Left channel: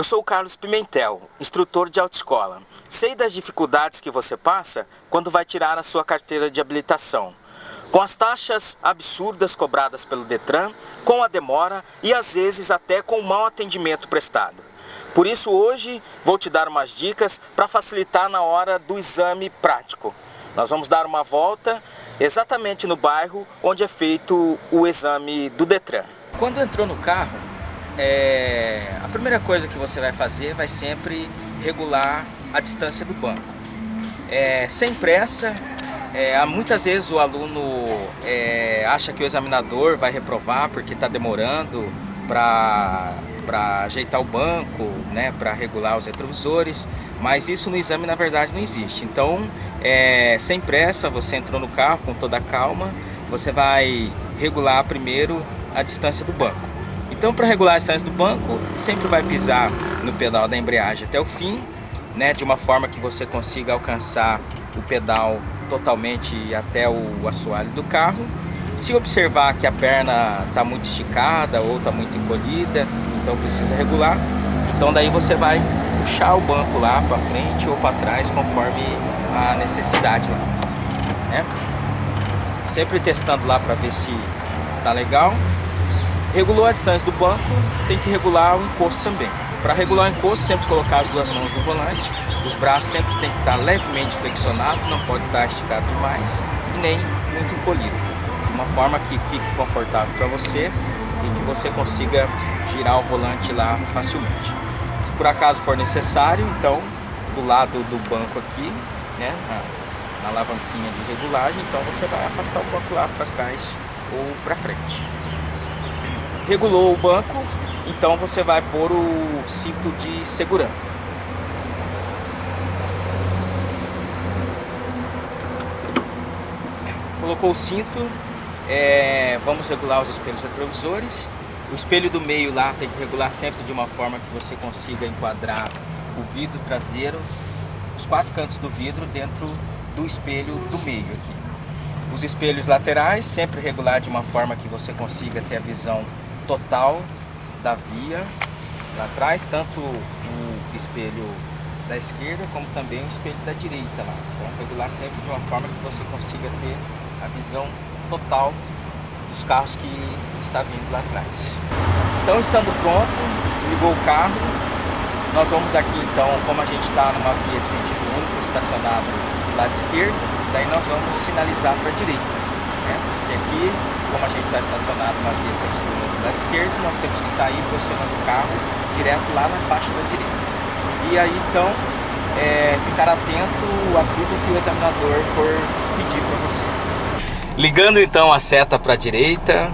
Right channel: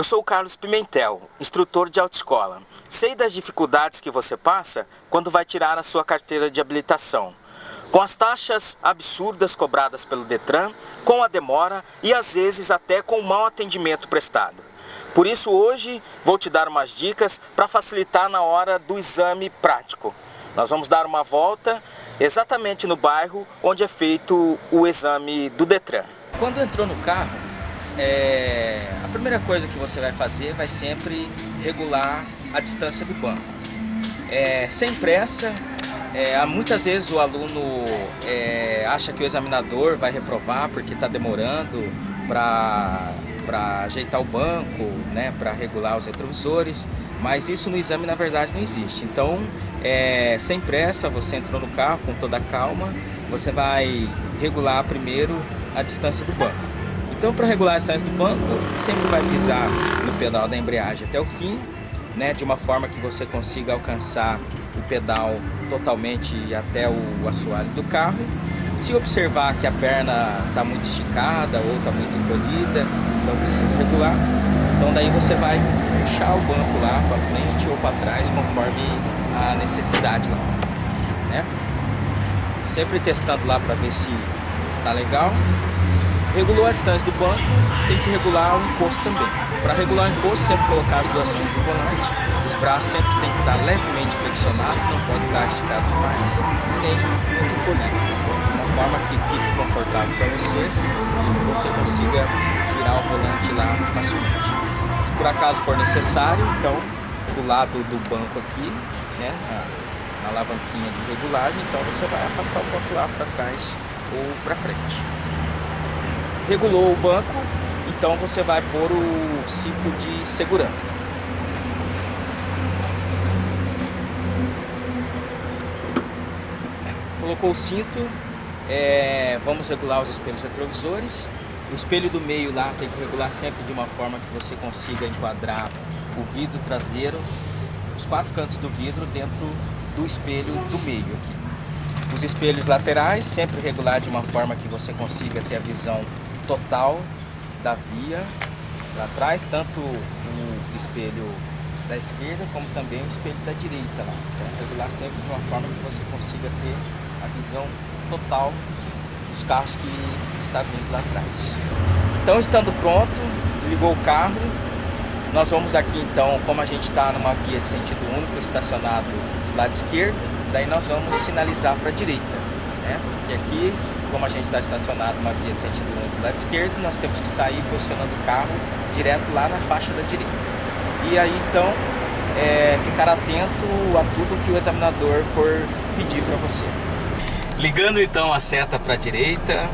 Eu sou o Carlos Pimentel, instrutor de autoescola. Sei das dificuldades que você passa quando vai tirar a sua carteira de habilitação. Com as taxas absurdas cobradas pelo Detran, com a demora e às vezes até com o mau atendimento prestado. Por isso hoje vou te dar umas dicas para facilitar na hora do exame prático. Nós vamos dar uma volta exatamente no bairro onde é feito o exame do Detran. Quando entrou no carro, a primeira coisa que você vai fazer vai sempre regular a distância do banco. Sem pressa, muitas vezes o aluno acha que o examinador vai reprovar porque está demorando para ajeitar o banco, né, para regular os retrovisores, mas isso no exame na verdade não existe. Então, sem pressa, você entrou no carro com toda a calma, você vai regular primeiro a distância do banco. Então, para regular a distância do banco, sempre vai pisar no pedal da embreagem até o fim, né, de uma forma que você consiga alcançar o pedal totalmente até o assoalho do carro. Se observar que a perna está muito esticada ou está muito encolhida, então precisa regular. Então daí você vai puxar o banco lá para frente ou para trás conforme a necessidade lá, né? Sempre testando lá para ver se tá legal. Regulou a distância do banco, tem que regular o encosto também. Para regular o encosto, sempre colocar as duas mãos no volante. Os braços sempre tem que estar levemente flexionados, não pode estar esticado demais e nem muito encolhido. De uma forma que fique confortável para você e que você consiga girar o volante lá facilmente. Se por acaso for necessário, então do lado do banco aqui, né, na alavanquinha de regulagem, então você vai afastar o banco lá para trás ou para frente. Regulou o banco, então você vai pôr o cinto de segurança. Colocou o cinto, vamos regular os espelhos retrovisores. O espelho do meio lá tem que regular sempre de uma forma que você consiga enquadrar o vidro traseiro, os quatro cantos do vidro dentro do espelho do meio aqui. Os espelhos laterais sempre regular de uma forma que você consiga ter a visão total da via lá atrás, tanto o espelho da esquerda como também o espelho da direita lá. Então regular sempre de uma forma que você consiga ter a visão total dos carros que está vindo lá atrás. Então, estando pronto, ligou o carro, nós vamos aqui então, como a gente está numa via de sentido único, estacionado do lado esquerdo, daí nós vamos sinalizar para a direita, né? E aqui, como a gente está estacionado numa via de sentido único do lado esquerdo, nós temos que sair posicionando o carro direto lá na faixa da direita. E aí então, ficar atento a tudo que o examinador for pedir para você. Ligando então a seta para a direita,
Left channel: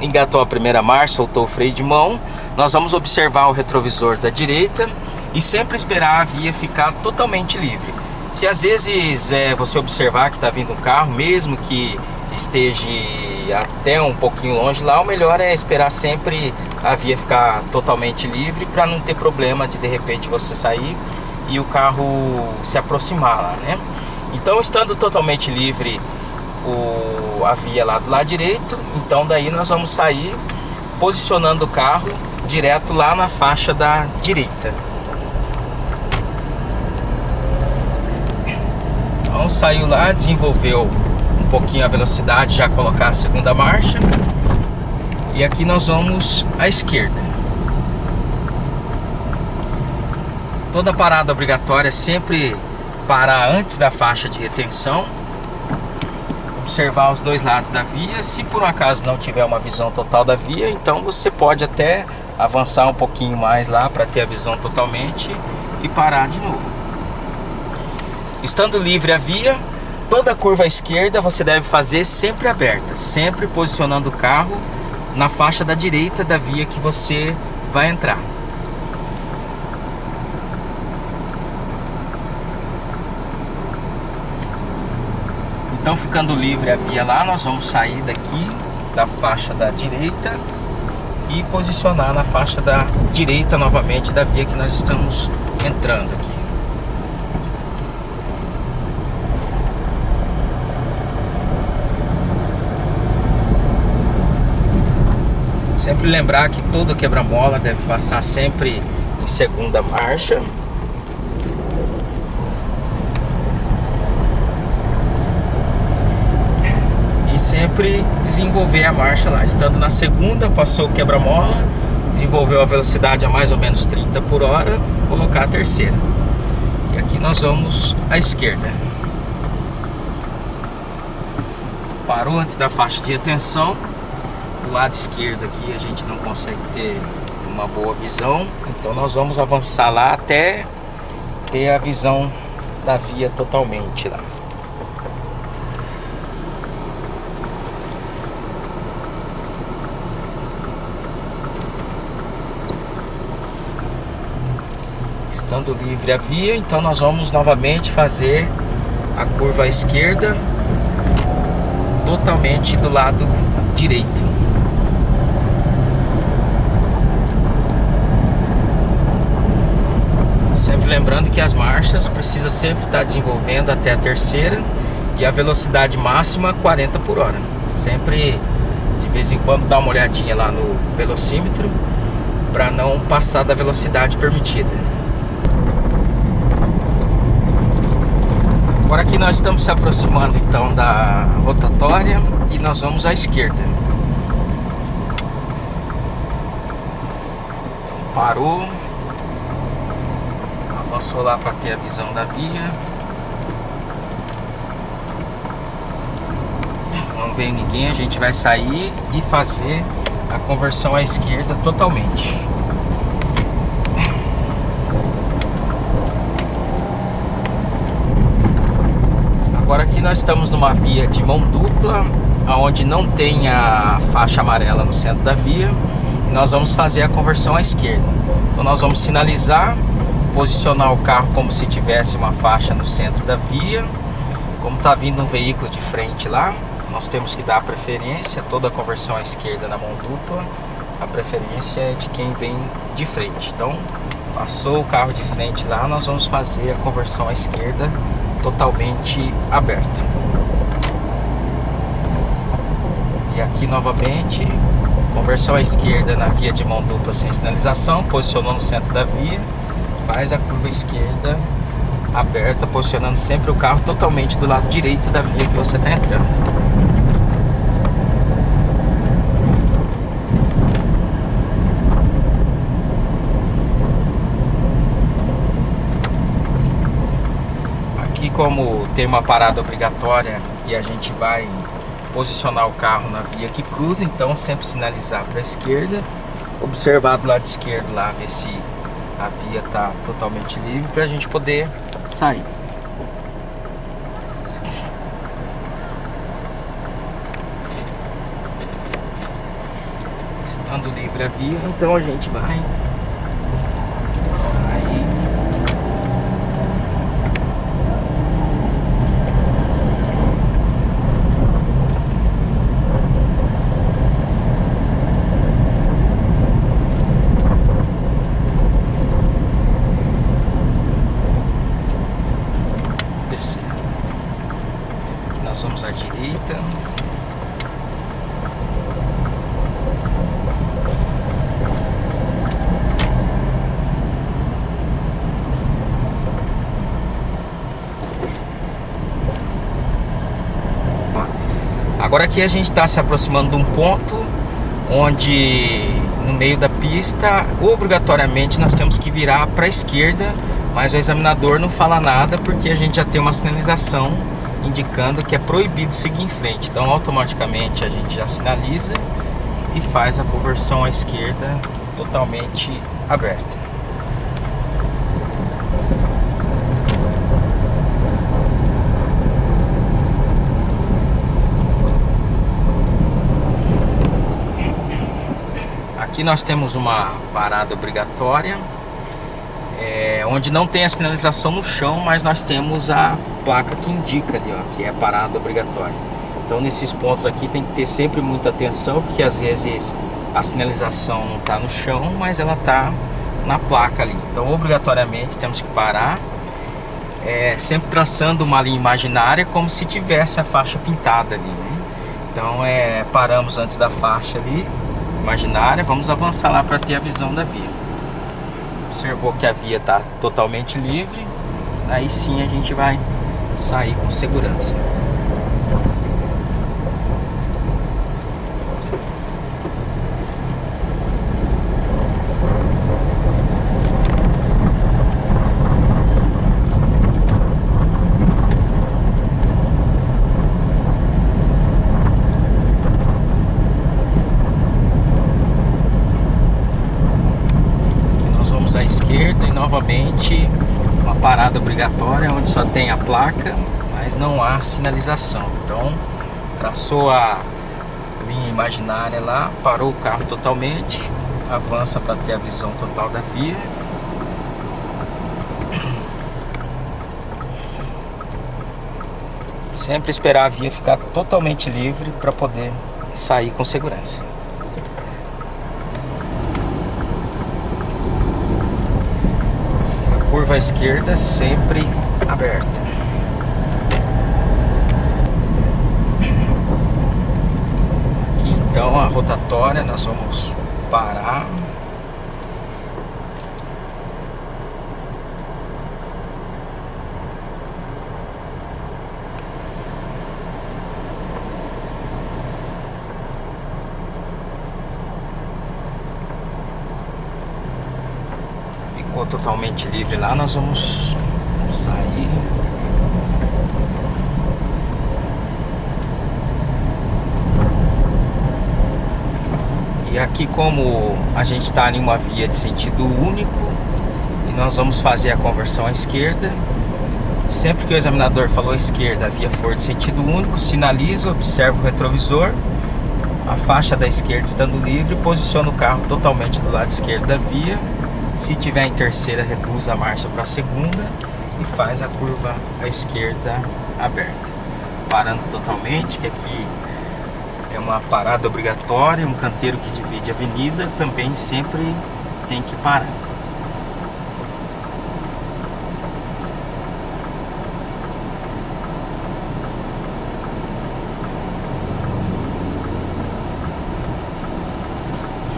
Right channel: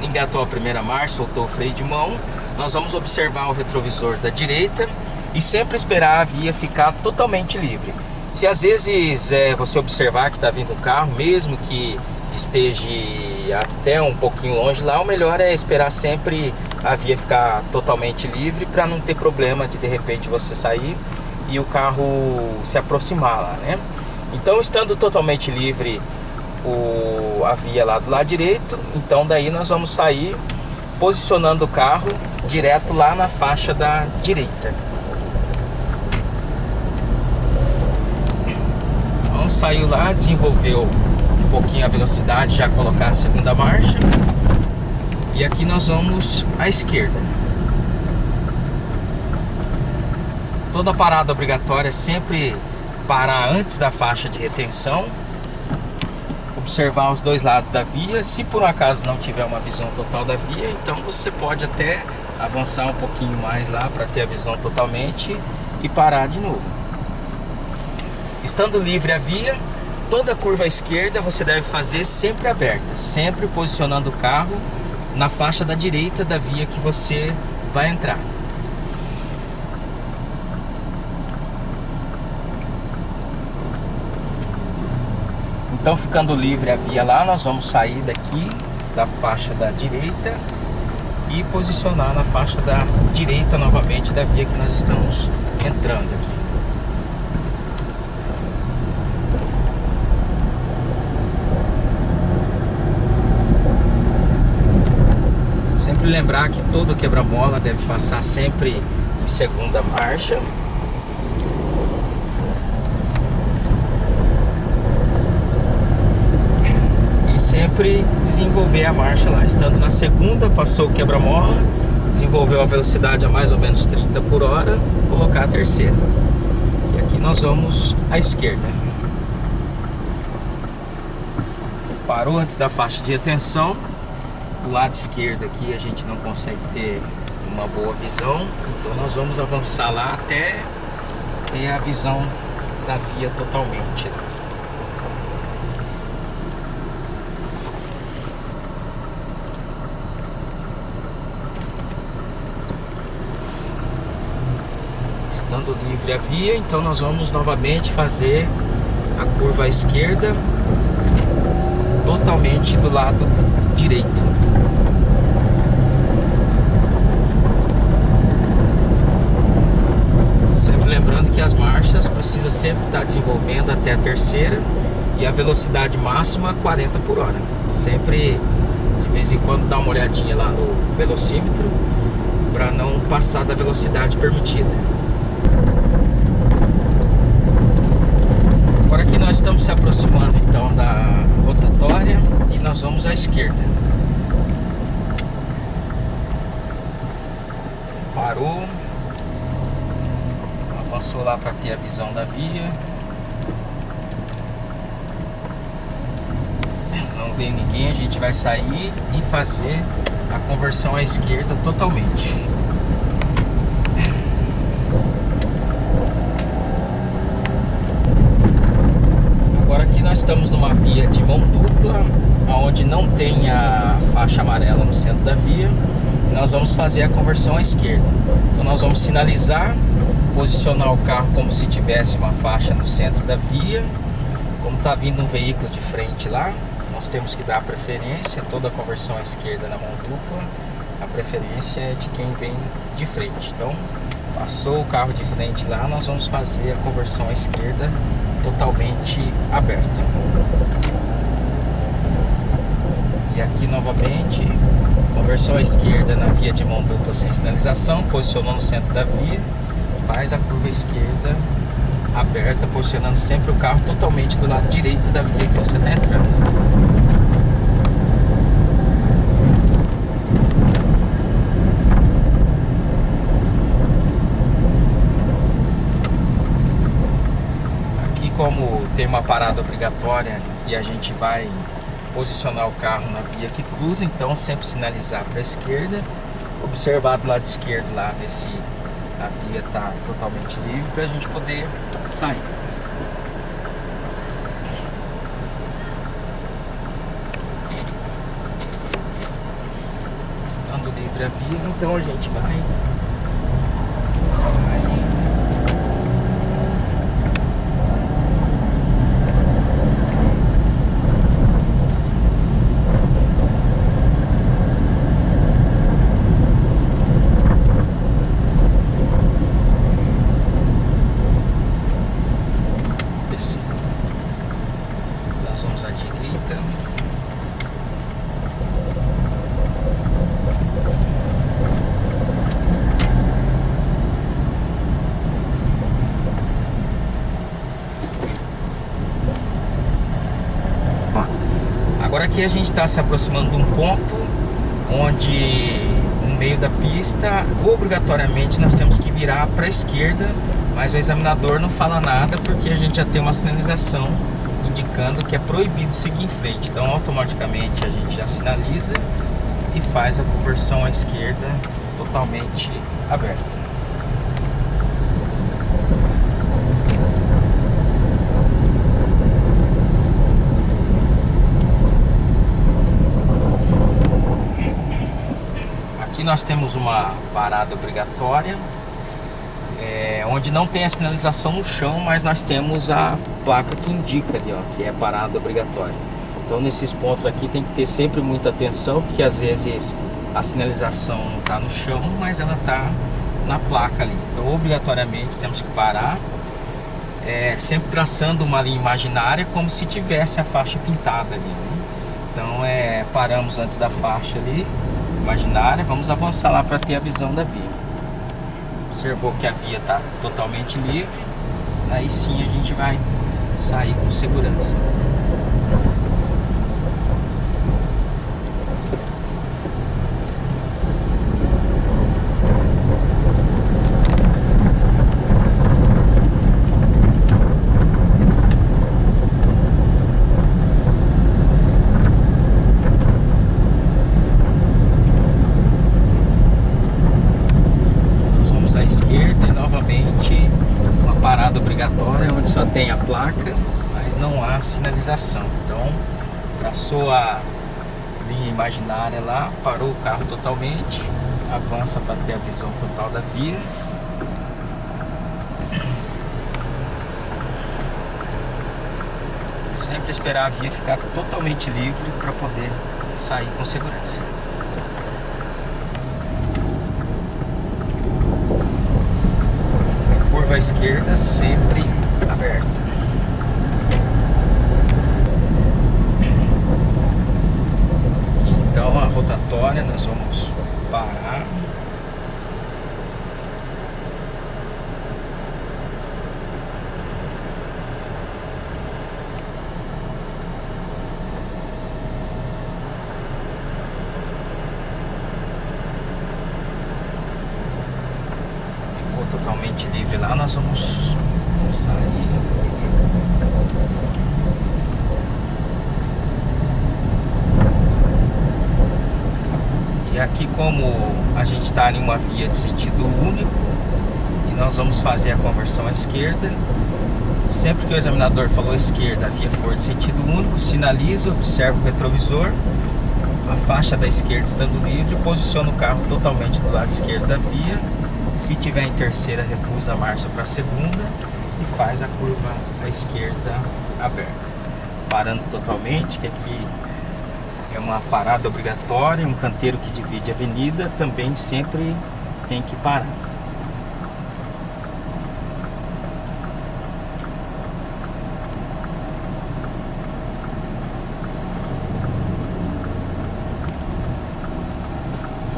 engatou a primeira marcha, soltou o freio de mão. Nós vamos observar o retrovisor da direita e sempre esperar a via ficar totalmente livre. Se às vezes você observar que está vindo um carro, mesmo que esteja até um pouquinho longe lá, o melhor é esperar sempre a via ficar totalmente livre para não ter problema de repente você sair e o carro se aproximar lá, né? Então, estando totalmente livre a via lá do lado direito, então daí nós vamos sair posicionando o carro direto lá na faixa da direita. Então saiu lá, desenvolveu um pouquinho a velocidade, já colocar a segunda marcha, e aqui nós vamos à esquerda. Toda parada obrigatória é sempre parar antes da faixa de retenção, observar os dois lados da via. Se por um acaso não tiver uma visão total da via, então você pode até avançar um pouquinho mais lá para ter a visão totalmente e parar de novo. Estando livre a via, toda curva à esquerda você deve fazer sempre aberta, sempre posicionando o carro na faixa da direita da via que você vai entrar. Então, ficando livre a via lá, nós vamos sair daqui da faixa da direita e posicionar na faixa da direita novamente da via que nós estamos entrando aqui. Sempre lembrar que todo quebra-mola deve passar sempre em segunda marcha. E sempre desenvolver a marcha lá. Estando na segunda, passou o quebra-mola, desenvolveu a velocidade a mais ou menos 30 por hora, colocar a terceira. E aqui nós vamos à esquerda. Parou antes da faixa de atenção. Do lado esquerdo aqui a gente não consegue ter uma boa visão, então nós vamos avançar lá até ter a visão da via totalmente lá. Estando livre a via, então nós vamos novamente fazer a curva à esquerda totalmente do lado direito. Sempre lembrando que as marchas precisa sempre estar desenvolvendo até a terceira e a velocidade máxima 40 por hora. Sempre de vez em quando dá uma olhadinha lá no velocímetro para não passar da velocidade permitida. Agora aqui nós estamos se aproximando então da rotatória e nós vamos à esquerda. Parou, avançou lá para ter a visão da via. Não vem ninguém, a gente vai sair e fazer a conversão à esquerda totalmente. Agora aqui nós estamos numa via de mão dupla, onde não tem a faixa amarela no centro da via. E nós vamos fazer a conversão à esquerda. Então nós vamos sinalizar, posicionar o carro como se tivesse uma faixa no centro da via. Como está vindo um veículo de frente lá, nós temos que dar a preferência. Toda a conversão à esquerda na mão dupla, a preferência é de quem vem de frente. Então passou o carro de frente lá, nós vamos fazer a conversão à esquerda totalmente aberta. E aqui novamente, conversão à esquerda na via de mão dupla sem sinalização, posicionou no centro da via, faz a curva esquerda aberta, posicionando sempre o carro totalmente do lado direito da via que você está entrando. Aqui, como tem uma parada obrigatória e a gente vai posicionar o carro na via que cruza, então sempre sinalizar para a esquerda, observar do lado esquerdo lá, ver se a via está totalmente livre para a gente poder sair. Estando livre a via, então a gente vai sair. Nós vamos à direita. Agora aqui a gente está se aproximando de um ponto onde no meio da pista obrigatoriamente nós temos que virar para a esquerda, mas o examinador não fala nada porque a gente já tem uma sinalização indicando que é proibido seguir em frente. Então automaticamente a gente já sinaliza e faz a conversão à esquerda totalmente aberta. Aqui nós temos uma parada obrigatória, onde não tem a sinalização no chão, mas nós temos a placa que indica ali, ó, que é parada obrigatória. Então nesses pontos aqui tem que ter sempre muita atenção, porque às vezes a sinalização não está no chão, mas ela está na placa ali. Então obrigatoriamente temos que parar, sempre traçando uma linha imaginária como se tivesse a faixa pintada ali, né? Então paramos antes da faixa ali imaginária, vamos avançar lá para ter a visão da via. Observou que a via está totalmente livre, aí sim a gente vai sair com segurança. À esquerda e novamente uma parada obrigatória onde só tem a placa, mas não há sinalização. Então traçou a linha imaginária lá, parou o carro totalmente, avança para ter a visão total da via. Sempre esperar a via ficar totalmente livre para poder sair com segurança. Curva à esquerda sempre aberta. Aqui então a rotatória, nós vamos parar. Totalmente livre lá, nós vamos sair. E aqui, como a gente está em uma via de sentido único e nós vamos fazer a conversão à esquerda, sempre que o examinador falou esquerda, a via for de sentido único, sinaliza, observa o retrovisor, a faixa da esquerda estando livre, posiciona o carro totalmente do lado esquerdo da via. Se tiver em terceira, reduz a marcha para a segunda e faz a curva à esquerda aberta. Parando totalmente, que aqui é uma parada obrigatória, um canteiro que divide a avenida, também sempre tem que parar.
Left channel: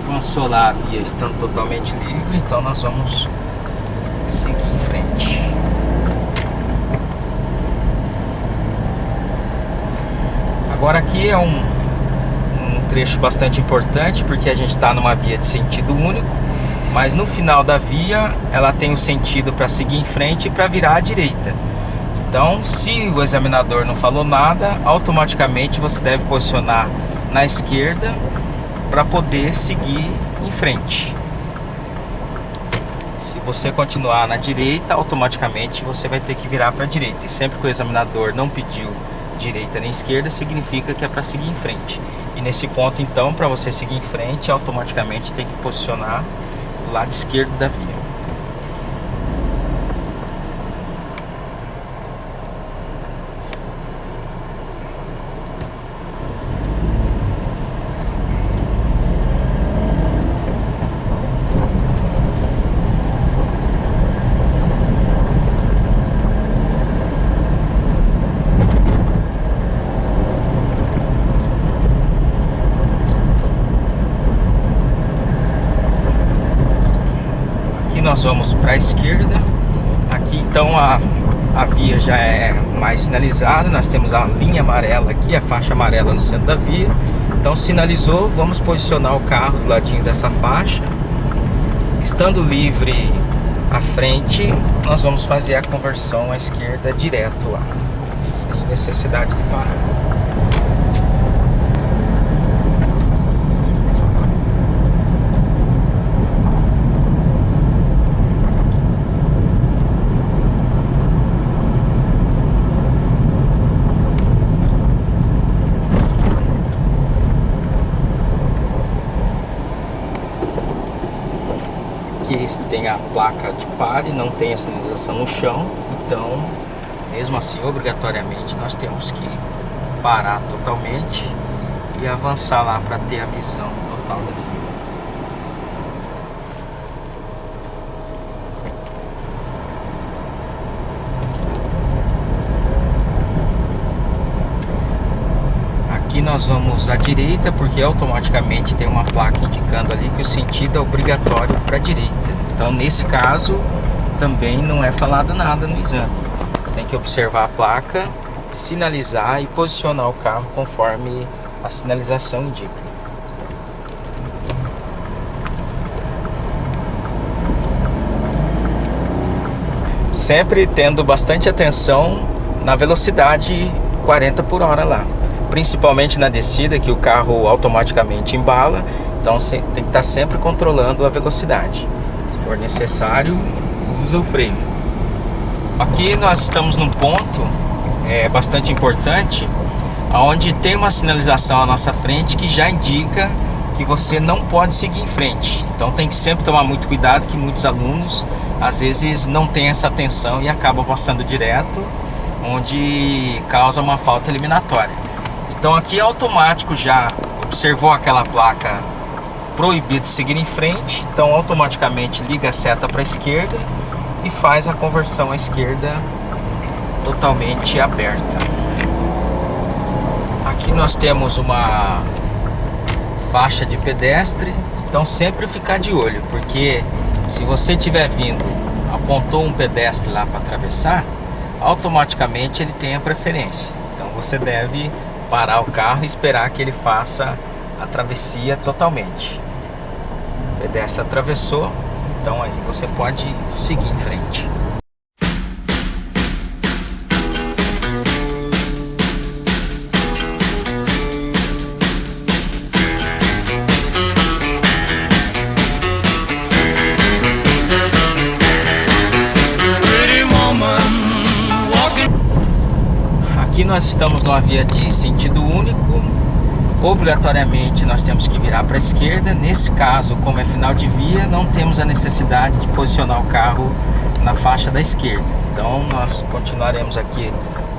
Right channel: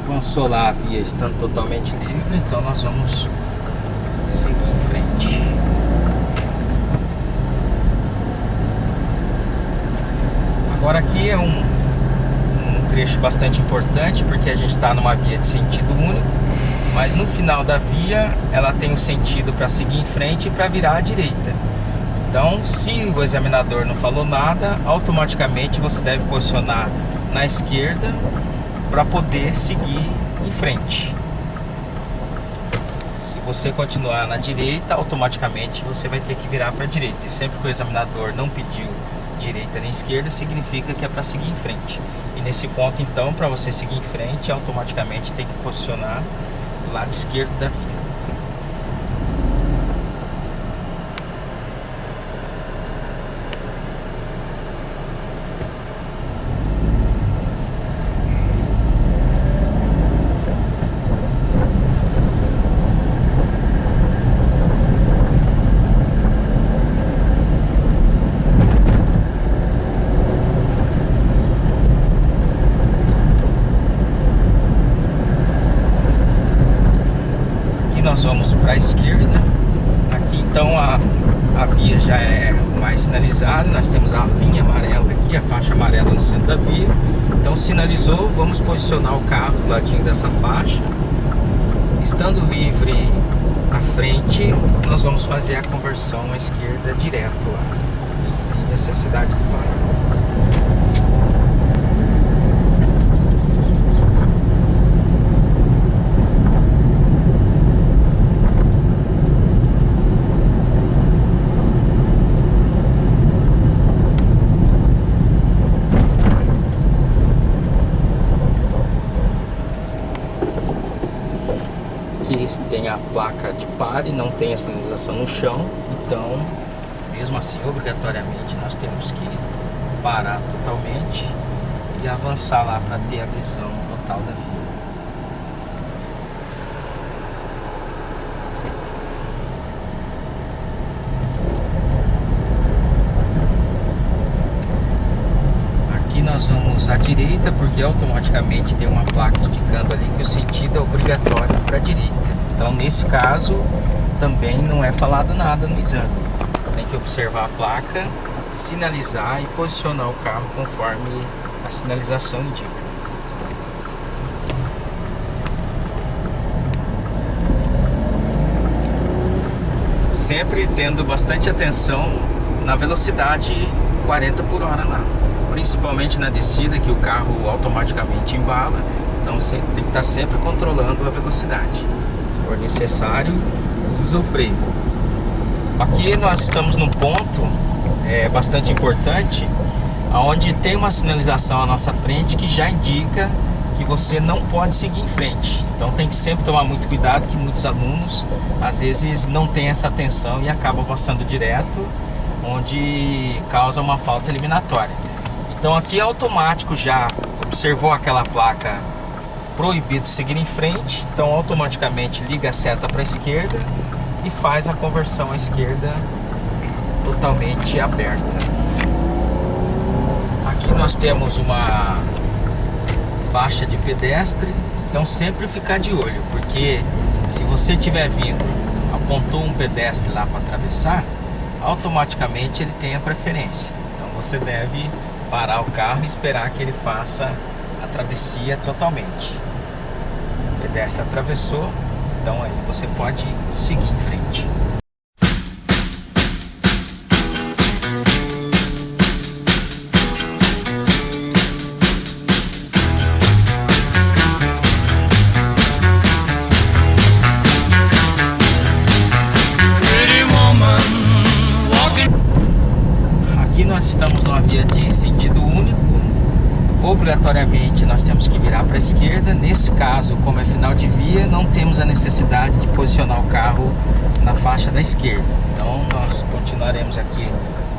Avançou lá a via estando totalmente livre, então nós vamos seguir em frente. Agora aqui é um trecho bastante importante, porque a gente está numa via de sentido único, mas no final da via ela tem o sentido para seguir em frente e para virar à direita. Então, se o examinador não falou nada, automaticamente você deve posicionar na esquerda para poder seguir em frente. Se você continuar na direita, automaticamente você vai ter que virar para a direita. E sempre que o examinador não pediu direita nem esquerda, significa que é para seguir em frente. E nesse ponto, então, para você seguir em frente, automaticamente tem que posicionar do lado esquerdo da via. Nós vamos para a esquerda. Aqui então a via já é mais sinalizada. Nós temos a linha amarela aqui, a faixa amarela no centro da via. Então sinalizou, vamos posicionar o carro do ladinho dessa faixa. Estando livre à frente, nós vamos fazer a conversão à esquerda direto lá, sem necessidade de parar. Aqui tem a placa de pare, não tem a sinalização no chão, então mesmo assim obrigatoriamente nós temos que parar totalmente e avançar lá para ter a visão total da via. Aqui nós vamos à direita, porque automaticamente tem uma placa indicando ali que o sentido é obrigatório para a direita. Então nesse caso também não é falado nada no exame. Você tem que observar a placa, sinalizar e posicionar o carro conforme a sinalização indica. Sempre tendo bastante atenção na velocidade 40 por hora lá, principalmente na descida, que o carro automaticamente embala. Então tem que estar sempre controlando a velocidade. Se for necessário, usa o freio. Aqui nós estamos num ponto bastante importante, onde tem uma sinalização à nossa frente que já indica que você não pode seguir em frente. Então tem que sempre tomar muito cuidado, que muitos alunos às vezes não têm essa atenção e acabam passando direto, onde causa uma falta eliminatória. Então aqui é automático, já observou aquela placa proibido seguir em frente, então automaticamente liga a seta para a esquerda e faz a conversão à esquerda totalmente aberta. Aqui nós temos uma faixa de pedestre, então sempre ficar de olho, porque se você estiver vindo, apontou um pedestre lá para atravessar, automaticamente ele tem a preferência. Então você deve parar o carro e esperar que ele faça a travessia totalmente. O pedestre atravessou, então aí você pode seguir em frente. Aqui nós estamos numa via de sentido único. Obrigatoriamente nós temos que virar para a esquerda. Nesse caso, como é final de via, não temos a necessidade de posicionar o carro na faixa da esquerda. Então nós continuaremos aqui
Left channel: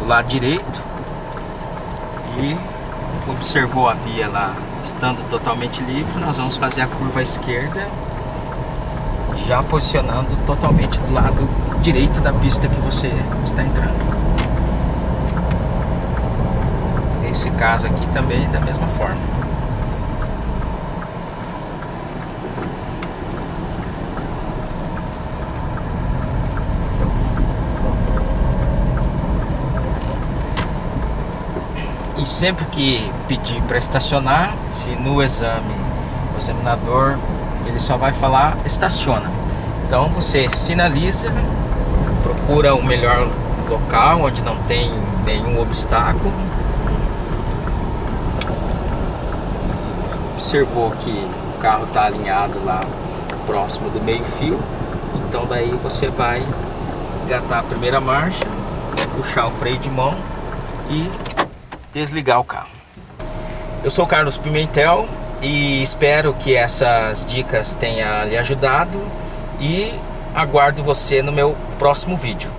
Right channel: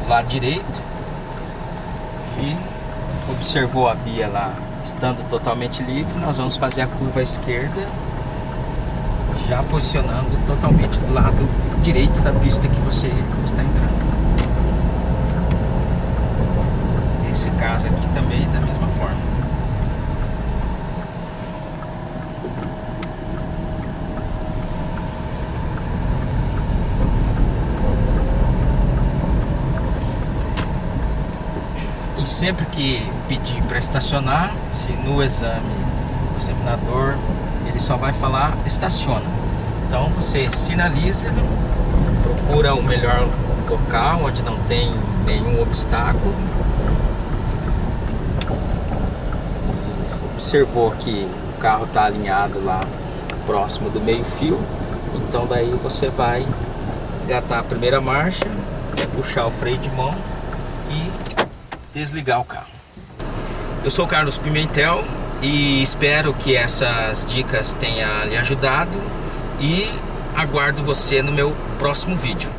do lado direito e observou a via lá estando totalmente livre, nós vamos fazer a curva à esquerda, já posicionando totalmente do lado direito da pista que você está entrando. Nesse caso aqui também da mesma forma. E sempre que pedir para estacionar, se no exame o examinador ele só vai falar estaciona, então você sinaliza, procura o melhor local onde não tem nenhum obstáculo. Observou que o carro está alinhado lá próximo do meio fio, então daí você vai engatar a primeira marcha, puxar o freio de mão e desligar o carro. Eu sou o Carlos Pimentel e espero que essas dicas tenham lhe ajudado e aguardo você no meu próximo vídeo.